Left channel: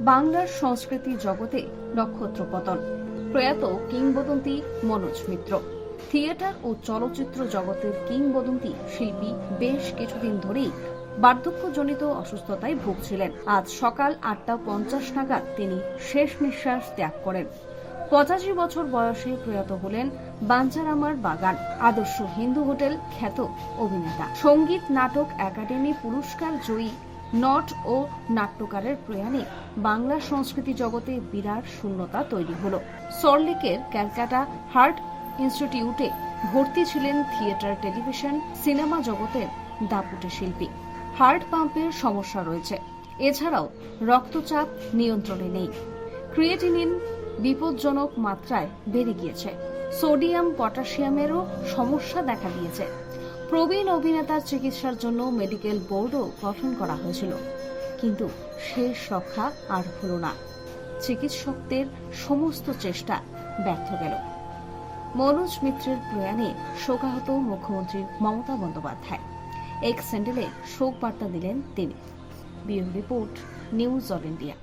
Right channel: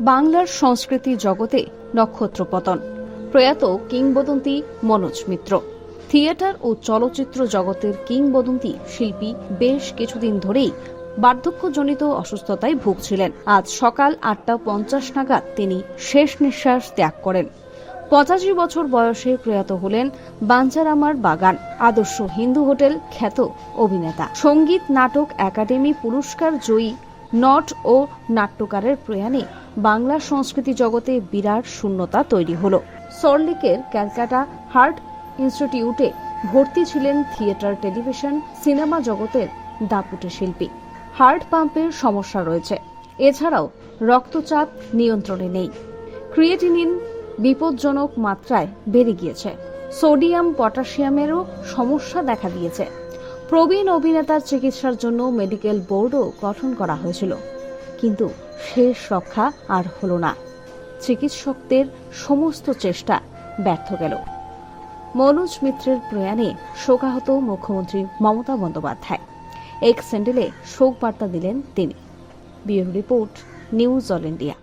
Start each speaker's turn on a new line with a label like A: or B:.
A: বাংলার সংস্কৃতি জগতে নক্ষত্র পতন প্রয়াত কিংবদন্তি মনোজ মিত্র। থিয়েটার ও চলচ্চিত্র জগতের কিংবদন্তি শিল্পী বেশ কিছুদিন ধরেই বার্ধক্যজনিত অসুস্থতায় ভুগছিলেন। আজ সকাল আটটা পঞ্চাশ নাগাদ তিনি শেষ নিঃশ্বাস ত্যাগ করেন। পঁচাশি বছর বয়সে প্রয়াত হলেন বাঞ্চারামার বাগান, আদর্শ হিন্দু হোটেল খ্যাত অভিনেতা। সংগীত, নাটক, একাডেমি পুরস্কার জয়ী নট ও নাট্যকারের প্রয়াণে বাংলা সংস্কৃতি জগতে বিরাট শূন্যতা তৈরি হলো। সল্টলেকের ক্যালকাটা হার্ট ইনস্টিটিউটে ভর্তি ছিলেন থিয়েটার, টেলিভিশন, সিনেমা জগতের দাপুটে শিল্পী। হার্ট পাম্পের সমস্যা রয়েছে। এছাড়াও রক্তচাপ নিয়ন্ত্রণে নেই। ক্রিয়েটিনিন বিপজ্জনক মাত্রায় বেড়ে গিয়েছে। সোডিয়াম পটাশিয়ামেরও সমস্যা দেখা দিয়েছে। প্রবীণ অভিনেতার চিকিৎসার জন্য মেডিকেল বোর্ডও গঠন করা হয়েছিল। কিন্তু শেষ রক্ষা আর হলো না। চিকিৎসকদের সমস্ত চেষ্টা ব্যর্থ গেল। মনোজ মিত্রের প্রয়াণে শোকাহত মুখ্যমন্ত্রী মমতা বন্দ্যোপাধ্যায়। এক স্যান্ডেলে শোক বার্তা দিলেন তিনি। Bureau report, news all India.